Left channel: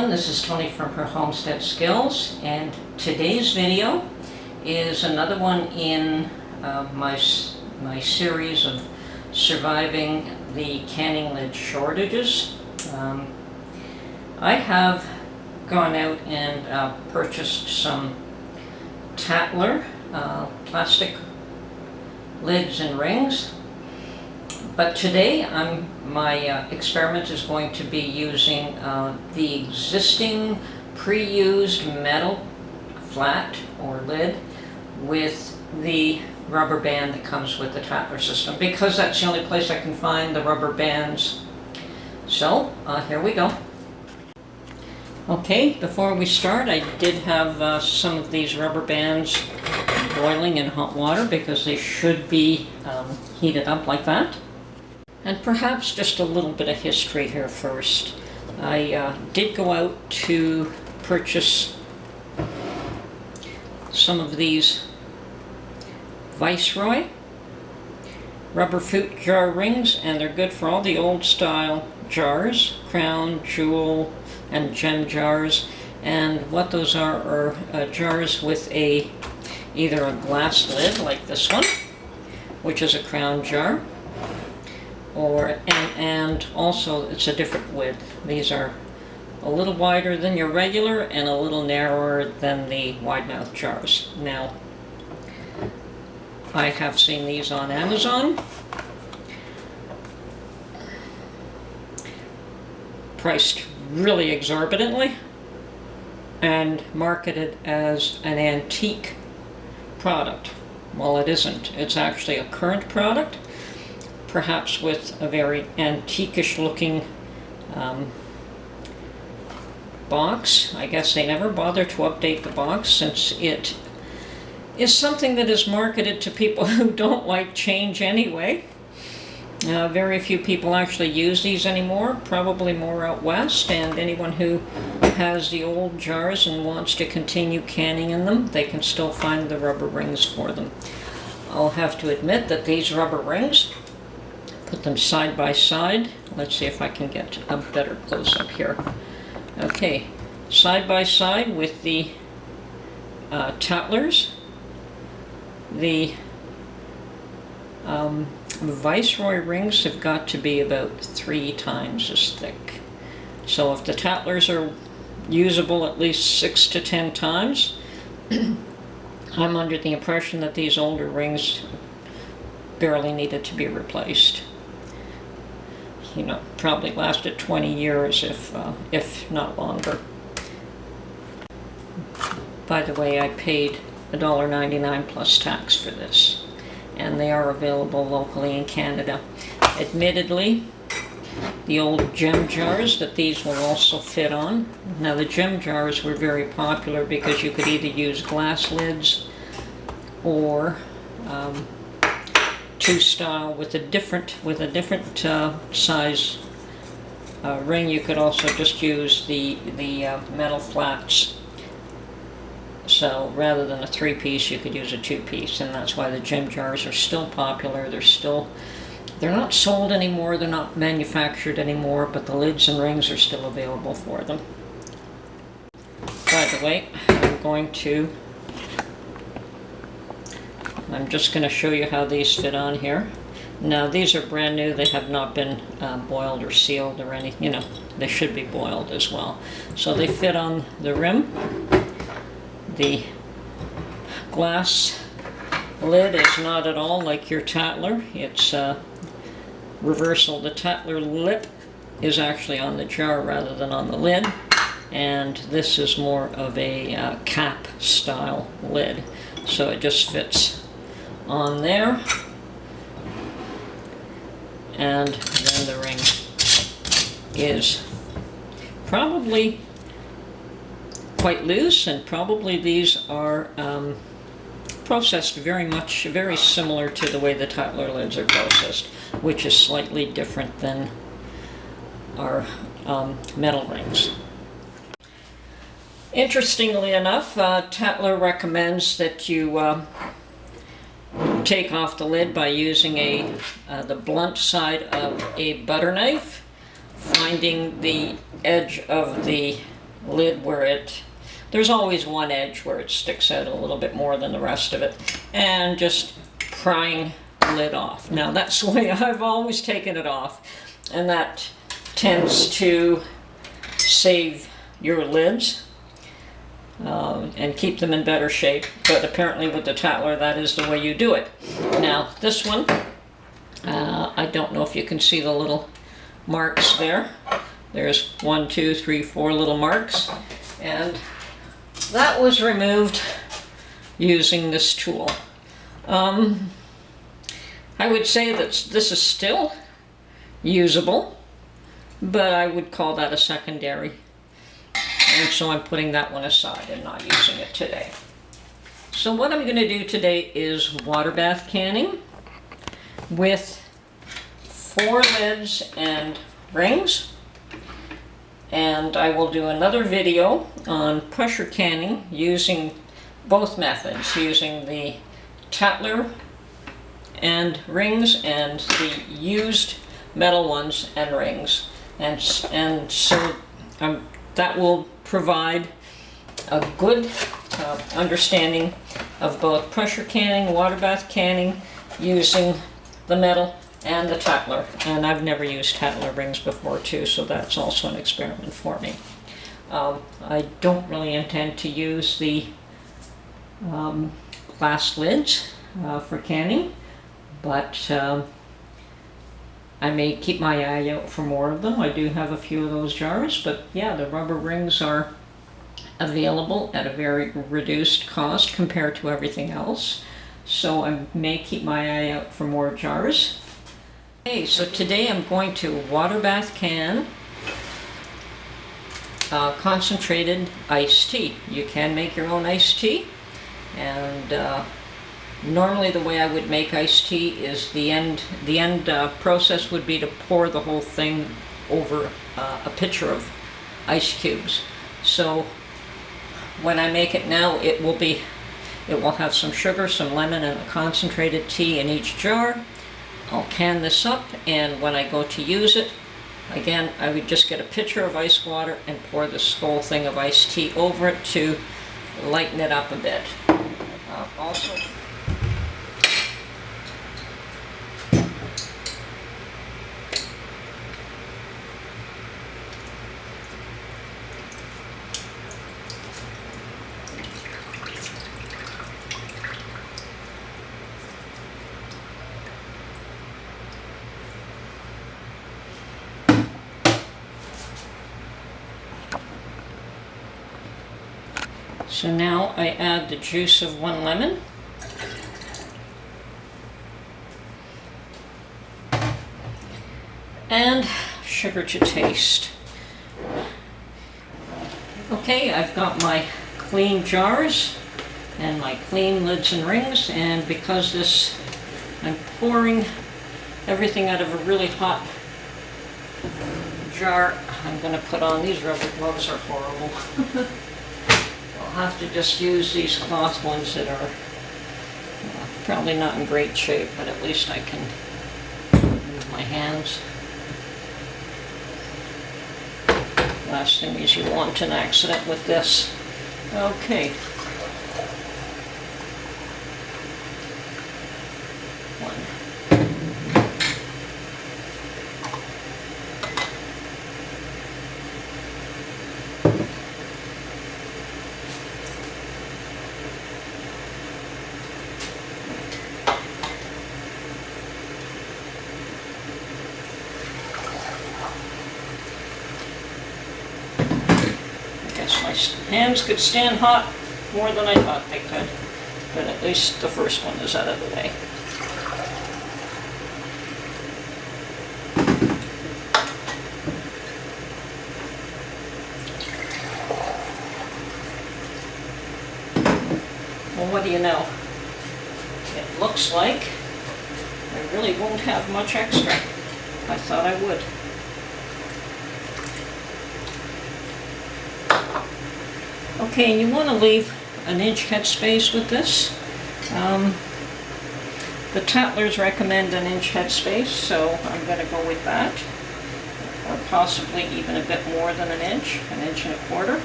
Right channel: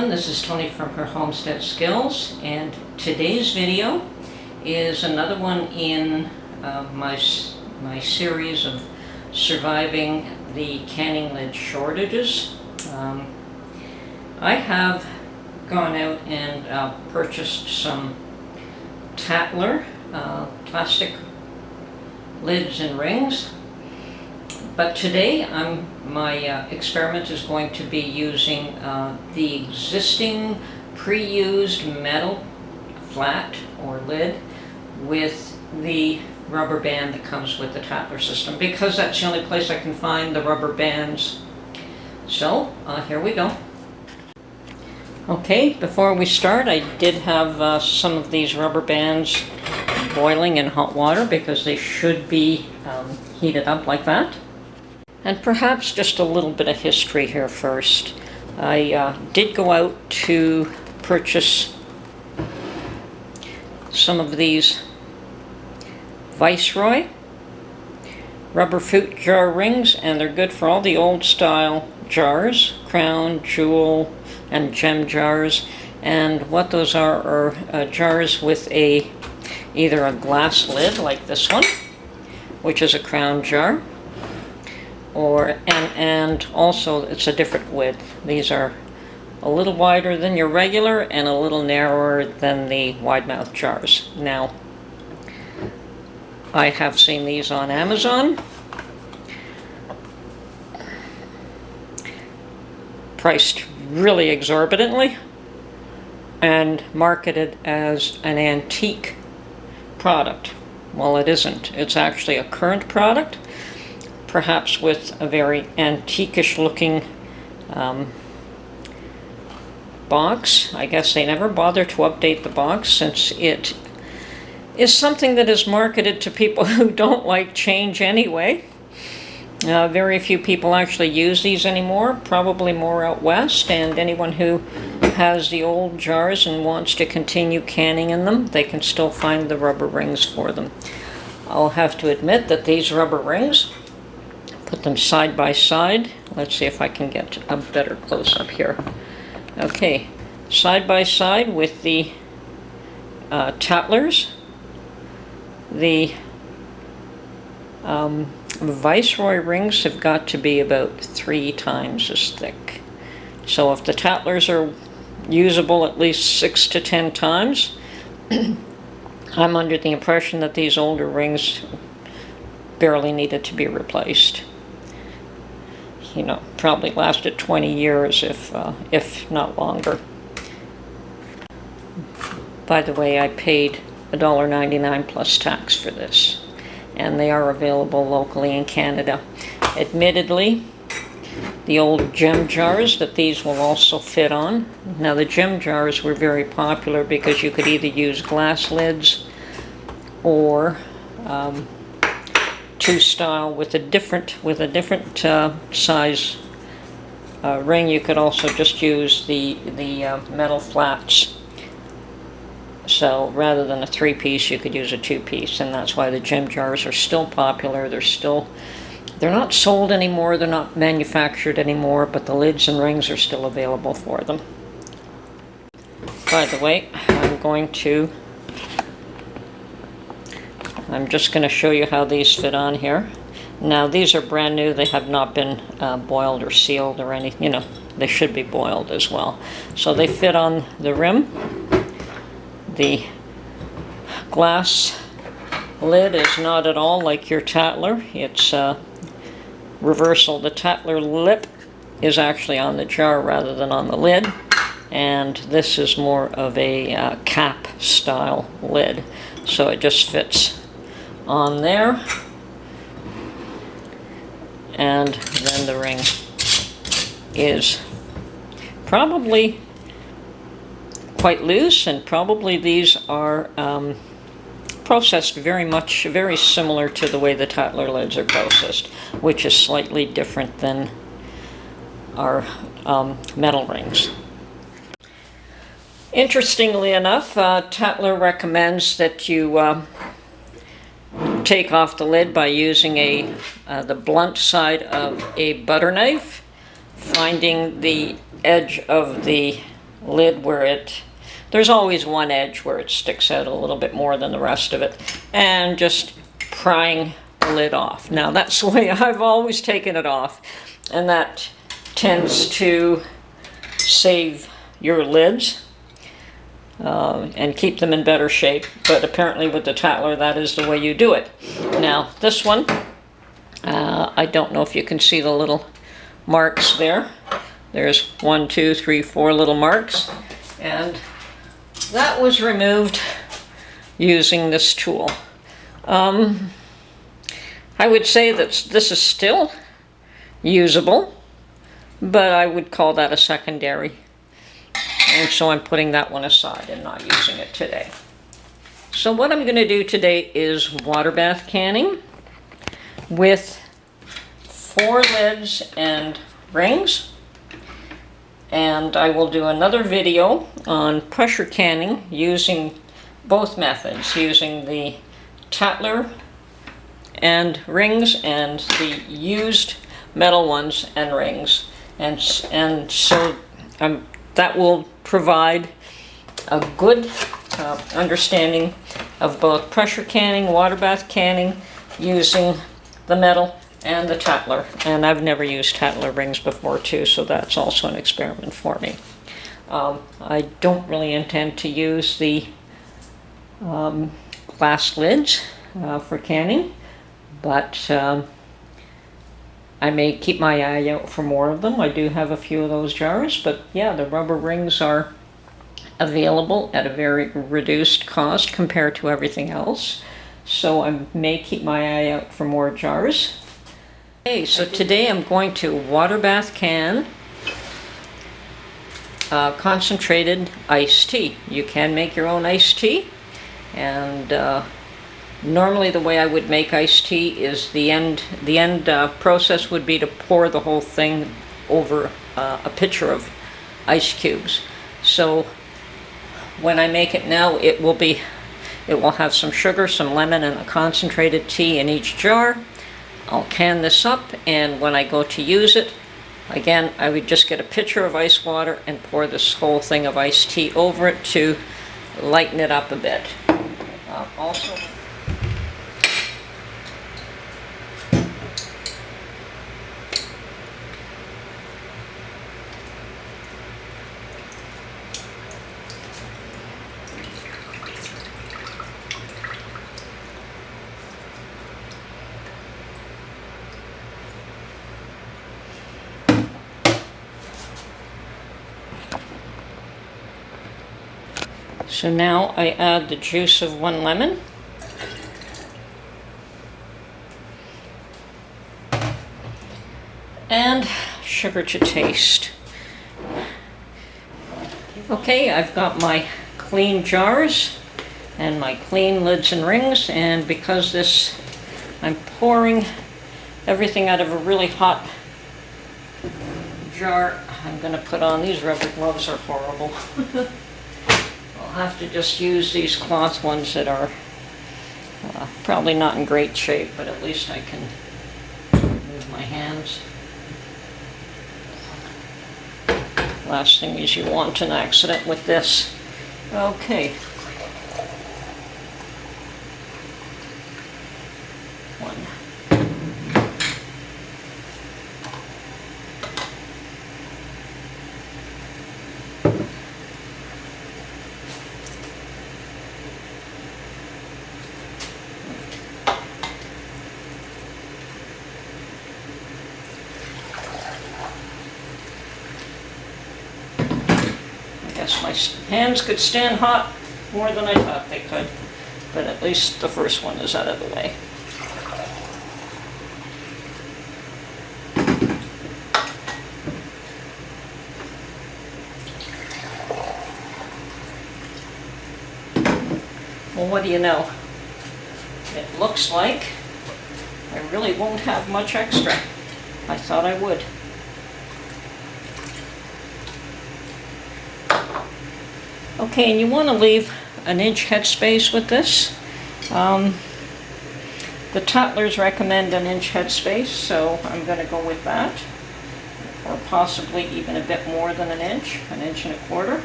everyone, this is Tony from her Homestead Skills, and today's video is another one in my series of surviving the canning lid shortages. I have gone out and purchased some Tattler plastic lids and rings, but today my experiment is going to be using the existing pre-used metal flat or lid with the rubber band that comes with the Tattler system, because that's the only place I can find the rubber bands. So here we go. Okay, before we start, I did have some of these rubber bands boiling in hot water because they should be heated up like that. And perhaps just a little bit of history here first. I did go out to purchase some of these Viceroy rubber fruit jar rings, and they're good for all the old style jars, crown, jewel, and gem jars. And what those are jars with either a glass lid like this one, which is a crown jar, and also it's a different width. These are a little wider than your regular and a little narrower than the wide mouth jars. Now, I have seen these on Amazon, priced really exorbitantly and marketed as an antique product. Well, it isn't. It's actually a current product, perhaps with a very antique-ish looking box. I guess they never bother to update the box, since it is something that is marketed to people who don't like change anyway. Very few people actually use these anymore, probably more out west, and anyone who has the old jars and wants to continue canning in them, they can still find the rubber rings for them. I'll have to admit that these rubber rings, put them side by side. Let's see if I can get a better close-up here. Okay, side by side with the Tattlers. The Viceroy rings have got to be about 3 times as thick. So if the Tattlers are usable at least 6 to 10 times, I'm under the impression that these older rings barely needed to be replaced. You know, probably lasted 20 years if not longer. By the way, I paid $1.99 plus tax for this, and they are available locally in Canada. Admittedly, the old gem jars that these will also fit on. Now, the gem jars were very popular because you could either use glass lids or two style with a different size ring. You could also just use the metal flats. So rather than a 3-piece, you could use a 2-piece, and that's why the gem jars are still popular. They're not sold anymore, they're not manufactured anymore, but the lids and rings are still available for them. By the way, I'm just going to show you how these fit on here. Now, these are brand new. They have not been boiled or sealed or anything. You know, they should be boiled as well. So they fit on the rim. The glass lid is not at all like your Tattler. It's reversal. The Tattler lip is actually on the jar rather than on the lid, and this is more of a cap style lid. So it just fits on there, and then the ring is probably quite loose, and probably these are processed very similar to the way the Tattler lids are processed, which is slightly different than our metal rings. Interestingly enough, Tattler recommends that you take off the lid by using the blunt side of a butter knife, finding the edge of the lid where there's always one edge where it sticks out a little bit more than the rest of it, and just prying the lid off. Now that's the way I've always taken it off, and that tends to save your lids and keep them in better shape. But apparently with the Tattler, that is the way you do it. Now this one, I don't know if you can see the little marks there. There's 1, 2, 3, 4 little marks, and that was removed using this tool. I would say that this is still usable, but I would call that a secondary. And so I'm putting that one aside and not using it today. So what I'm going to do today is water bath canning with 4 lids and rings. And I will do another video on pressure canning using both methods, using the Tattler and rings and the used metal ones and rings. And so that will provide a good understanding of both pressure canning, water bath canning, using the metal and the Tattler. And I've never used Tattler rings before too, so that's also an experiment for me. I don't really intend to use the glass lids for canning, but I may keep my eye out for more of them. I do have a few of those jars, but yeah, the rubber rings are available at a very reduced cost compared to everything else. So I may keep my eye out for more jars. Okay, so today I'm going to water bath can concentrated iced tea. You can make your own iced tea, and normally the way I would make iced tea is the end process would be to pour the whole thing over a pitcher of ice cubes. So when I make it now, it will have some sugar, some lemon, and a concentrated tea in each jar. I'll can this up, and when I go to use it, again, I would just get a pitcher of ice water and pour this whole thing of iced tea over it to lighten it up a bit. Also, so now I add the juice of 1 lemon. And sugar to taste. Okay, I've got my clean jars and my clean lids and rings, and because I'm pouring everything out of a really hot jar, I'm going to put on these rubber gloves. Are horrible. I'll have to just use these cloth ones that are probably not in great shape, but at least I can move my hands. Last thing is you want an accident with this. Okay. One. My hands could stand hot more than I thought they could, but at least the first one is out of the way. Well, what do you know? It looks like I really won't have much extra. I thought I would. Okay, and you want to leave an inch headspace with this. The Tattlers recommend an inch headspace, so I'm going to go with that. or possibly even a bit more than an inch and a quarter.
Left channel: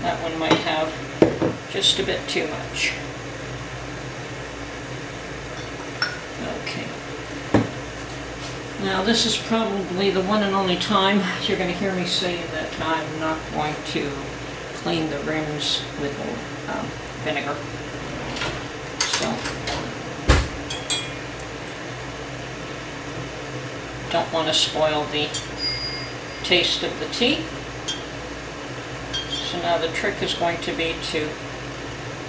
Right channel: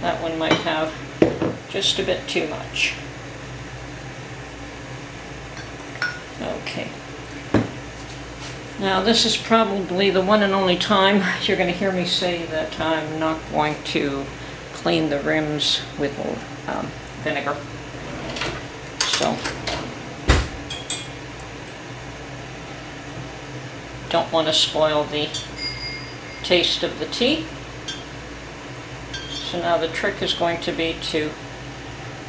That one might have just a bit too much. Okay. Now this is probably the one and only time you're going to hear me say that I'm not going to clean the rims with vinegar. So, don't want to spoil the taste of the tea. So now the trick is going to be to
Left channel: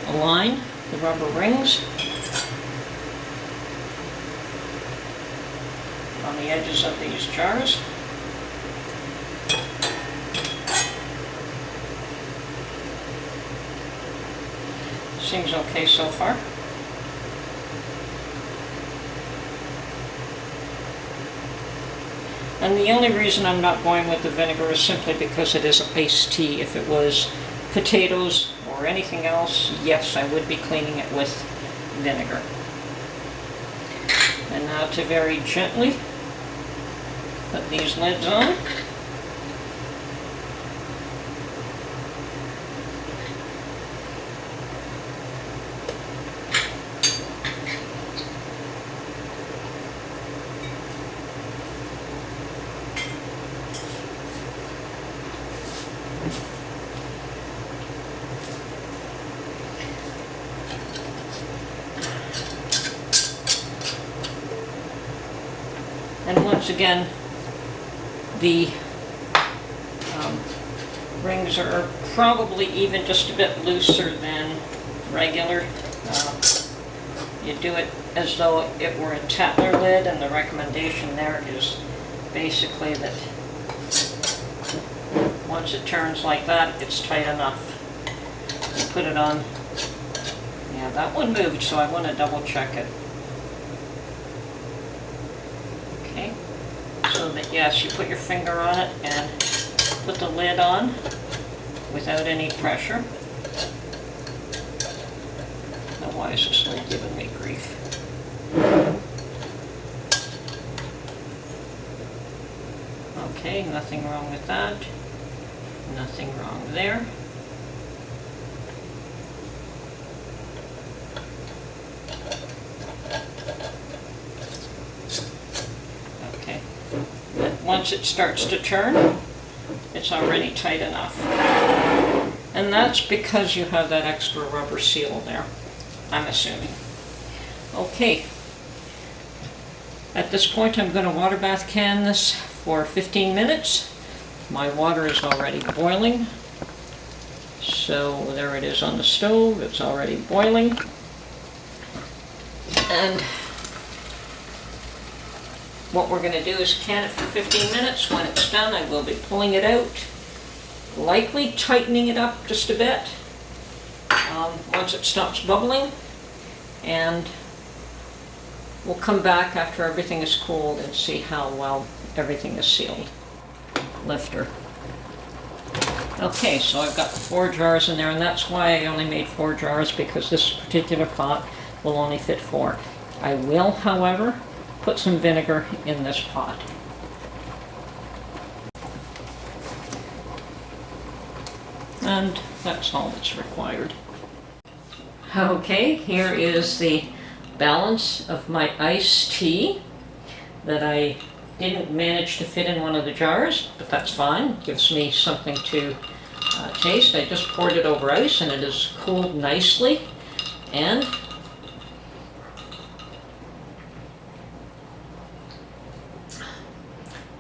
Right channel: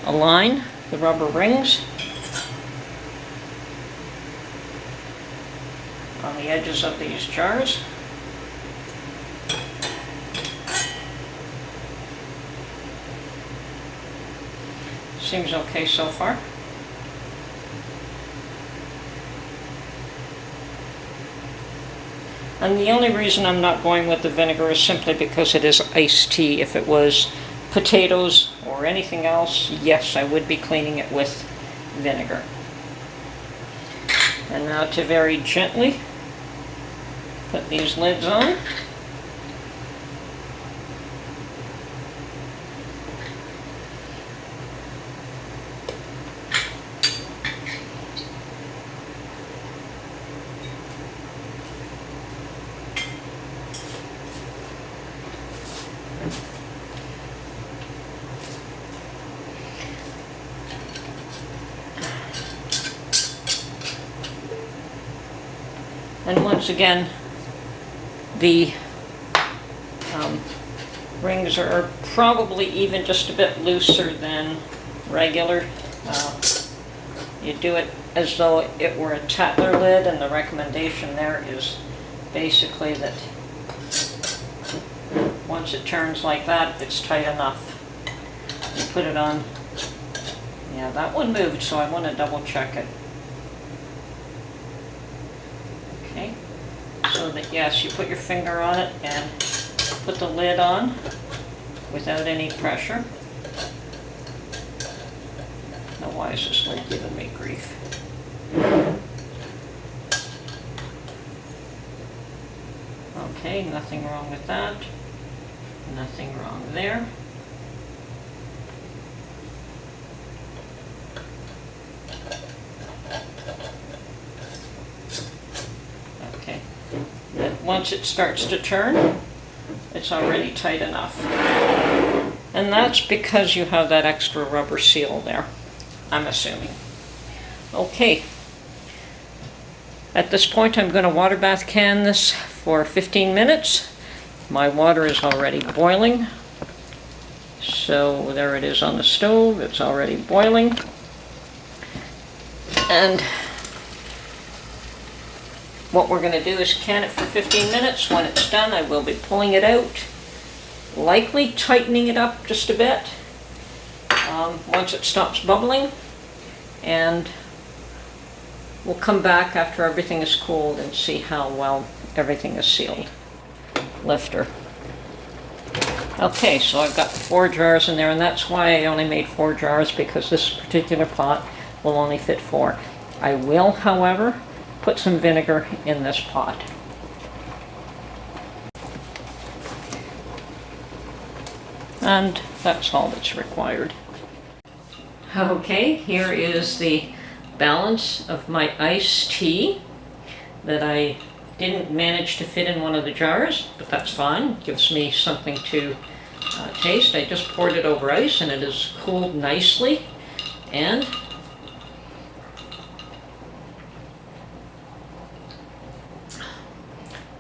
align the rubber rings on the edges of these jars. Seems okay so far. And the only reason I'm not going with the vinegar is simply because it is iced tea. If it was potatoes or anything else, yes, I would be cleaning it with vinegar. And now to very gently put these lids on. And once again, the rings are probably even just a bit looser than regular. You do it as though it were a Tattler lid, and the recommendation there is basically that once it turns like that, it's tight enough. You put it on. Yeah, that one moved, so I want to double check it. So that, yes, you put your finger on it and put the lid on without any pressure. Now why is this lid giving me grief? Okay, nothing wrong with that. Nothing wrong there. Once it starts to turn, it's already tight enough. And that's because you have that extra rubber seal there, I'm assuming. Okay. At this point, I'm going to water bath can this for 15 minutes. My water is already boiling. So there it is on the stove. It's already boiling. And what we're going to do is can it for 15 minutes. When it's done, I will be pulling it out, likely tightening it up just a bit once it stops bubbling, and we'll come back after everything is cooled and see how well everything is sealed. Lifter. Okay, so I've got 4 jars in there, and that's why I only made 4 jars, because this particular pot will only fit 4. I will, however, put some vinegar in this pot. And that's all that's required. Okay, here is the balance of my iced tea that I didn't manage to fit in one of the jars, but that's fine. It gives me something to taste. I just poured it over ice and it is cooled nicely, and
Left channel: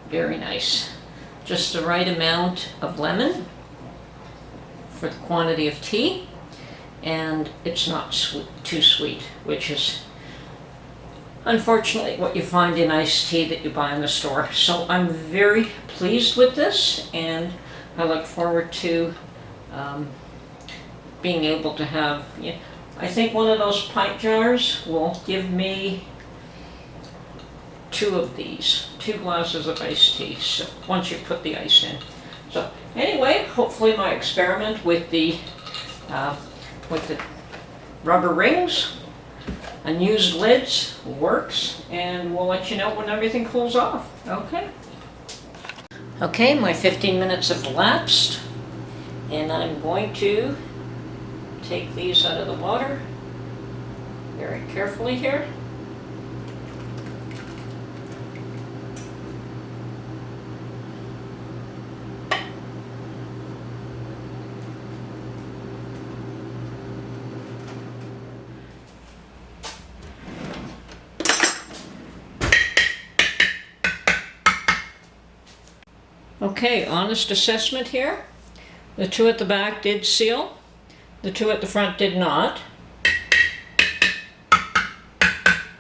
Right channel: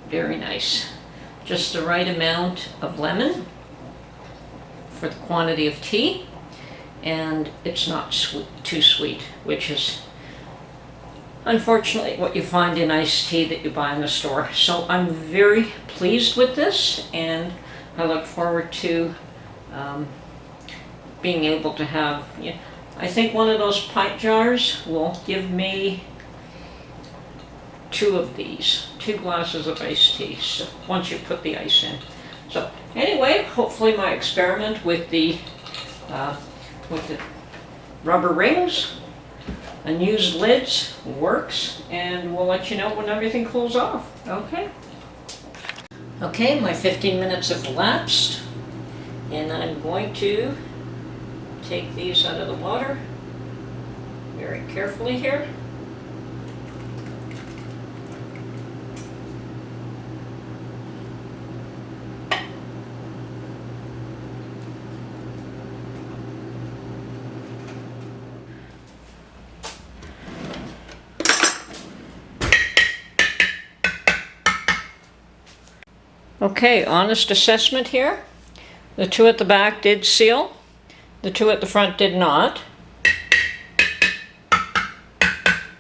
very nice. Just the right amount of lemon for the quantity of tea, and it's not too sweet, which is unfortunately what you find in iced tea that you buy in the store. So I'm very pleased with this, and I look forward to being able to have, I think one of those pint jars will give me 2 of these, 2 glasses of iced tea, so once you put the ice in. So anyway, hopefully my experiment with the rubber rings unused lids works, and we'll let you know when everything cools off. Okay. Okay, my 15 minutes have elapsed, and I'm going to take these out of the water very carefully here. Okay, honest assessment here. The two at the back did seal. The two at the front did not.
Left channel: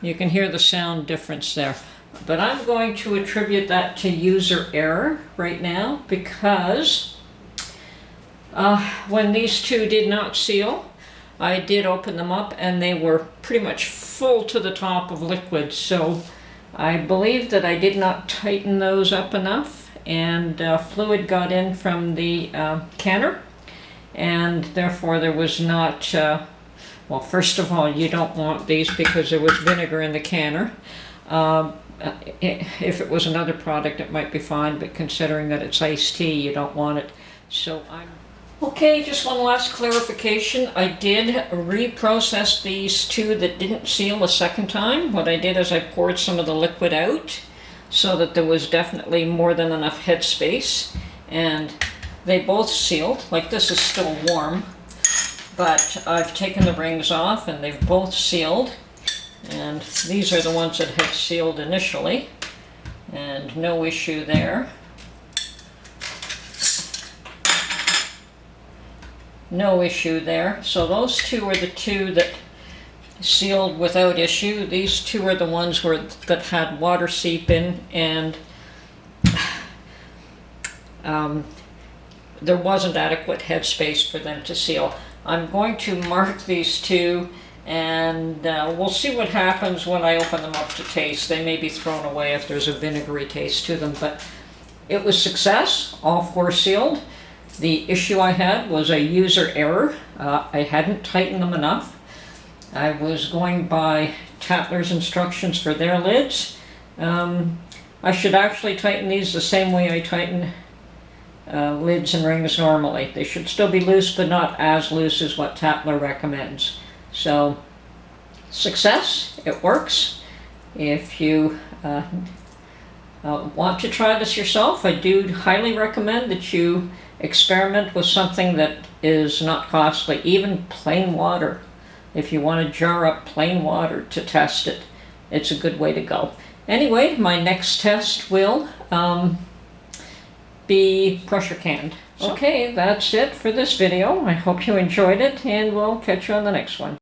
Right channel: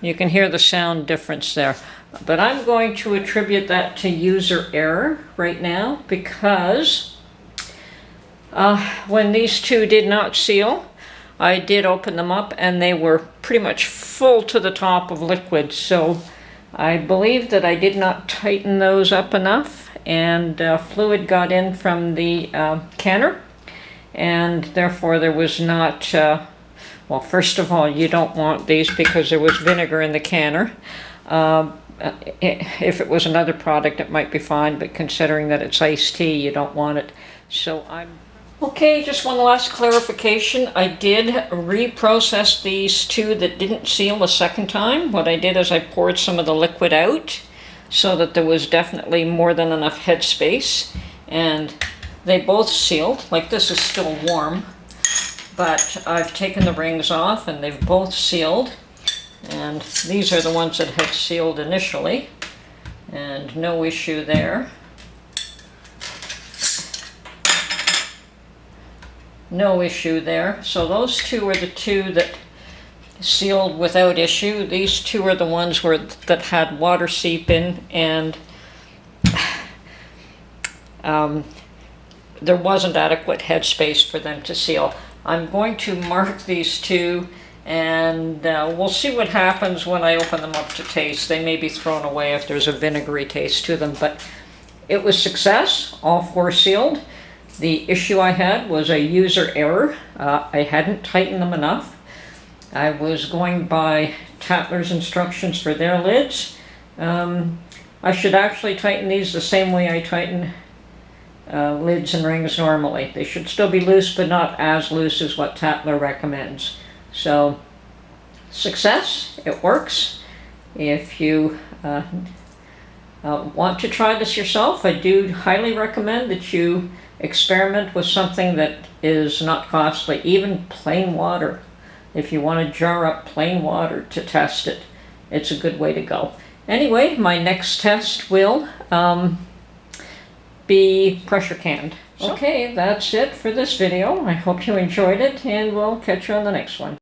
You can hear the sound difference there. But I'm going to attribute that to user error right now, because when these two did not seal, I did open them up and they were pretty much full to the top of liquid. So I believe that I did not tighten those up enough, and fluid got in from the canner, and therefore there was not, well, first of all, you don't want these because there was vinegar in the canner. If it was another product, it might be fine, but considering that it's iced tea, you don't want it. So okay, just one last clarification. I did reprocess these two that didn't seal a second time. What I did is I poured some of the liquid out so that there was definitely more than enough headspace, and they both sealed. Like, this is still warm, but I've taken the rings off and they've both sealed, and these are the ones that had sealed initially, and no issue there. No issue there. So those two are the two that sealed without issue. These two are the ones that had water seep in, and there wasn't adequate headspace for them to seal. I'm going to mark these two, and we'll see what happens when I open them up to taste. They may be thrown away if there's a vinegary taste to them, but it was success. All four sealed. The issue I had was a user error. I hadn't tightened them enough. I was going by Tattler's instructions for their lids. I should actually tighten these the same way I tighten lids and rings normally. They should still be loose, but not as loose as what Tattler recommends. So, success, it works. If you want to try this yourself, I do highly recommend that you experiment with something that is not costly, even plain water. If you want to jar up plain water to test it, it's a good way to go. Anyway, my next test will be pressure canned. Okay, that's it for this video. I hope you enjoyed it, and we'll catch you on the next one.